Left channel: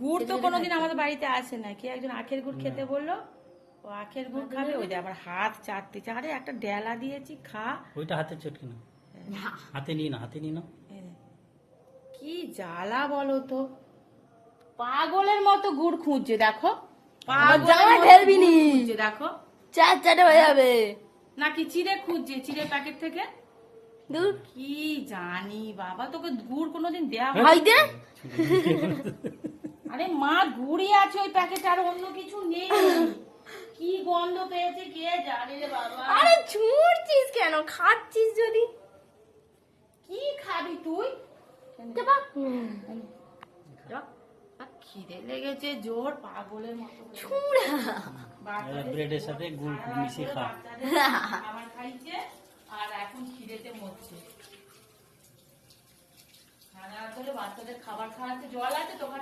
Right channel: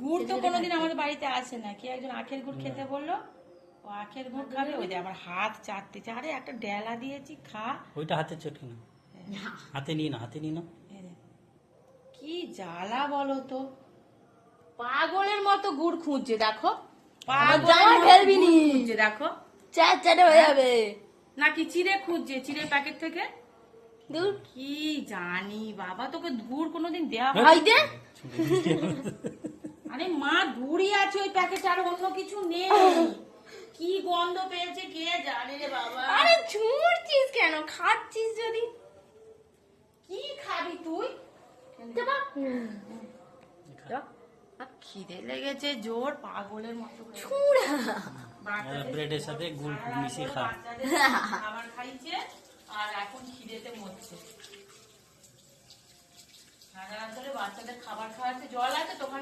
গুড় তো কোনোদিন আমাদের বাড়িতে আসে না, কি একজন আখের গুড় খেতে বললো, ও আখের গুড় খাবে, ওই আবার হাত চাটতেছে। আরে একটা ডেলা দিয়েছি, খা। ওইটা হাতে চটকে না, হাতে নিয়ে না, হাতে নিয়ে না। কি জ্বালা বলো তো, পাগলের মতো গুড় খুঁজছে, দেখো খুঁজছে, দেখো চাটে হয়ে যাবে নাকি চিড়ে খুঁজছে, চিড়ে প্যাকেট থেকে। কি জানি বাবা, তোকে গুড় কোনোদিন দেওয়া হয়? আরে মা, গুড়ই আছে ওই প্যাকেটে, আর অন্য কিছু নেই। কি গন্ধ পেয়েছে কে জানে রে বাবা। আরে ঝুড়ছিস কেন? খাচ্ছিস যদি। কি খাবি তুই? খিদে লেগেছে জোর, পাগলের মতো ব্রেডের সাথে গুড় মিশিয়ে খা। খাবার খাইছে আর এখন খিদেতে মরছে। সারা রাত ধরে বাচ্চাদের খাবার খাওয়াতে, জল আছে তো ওখানে?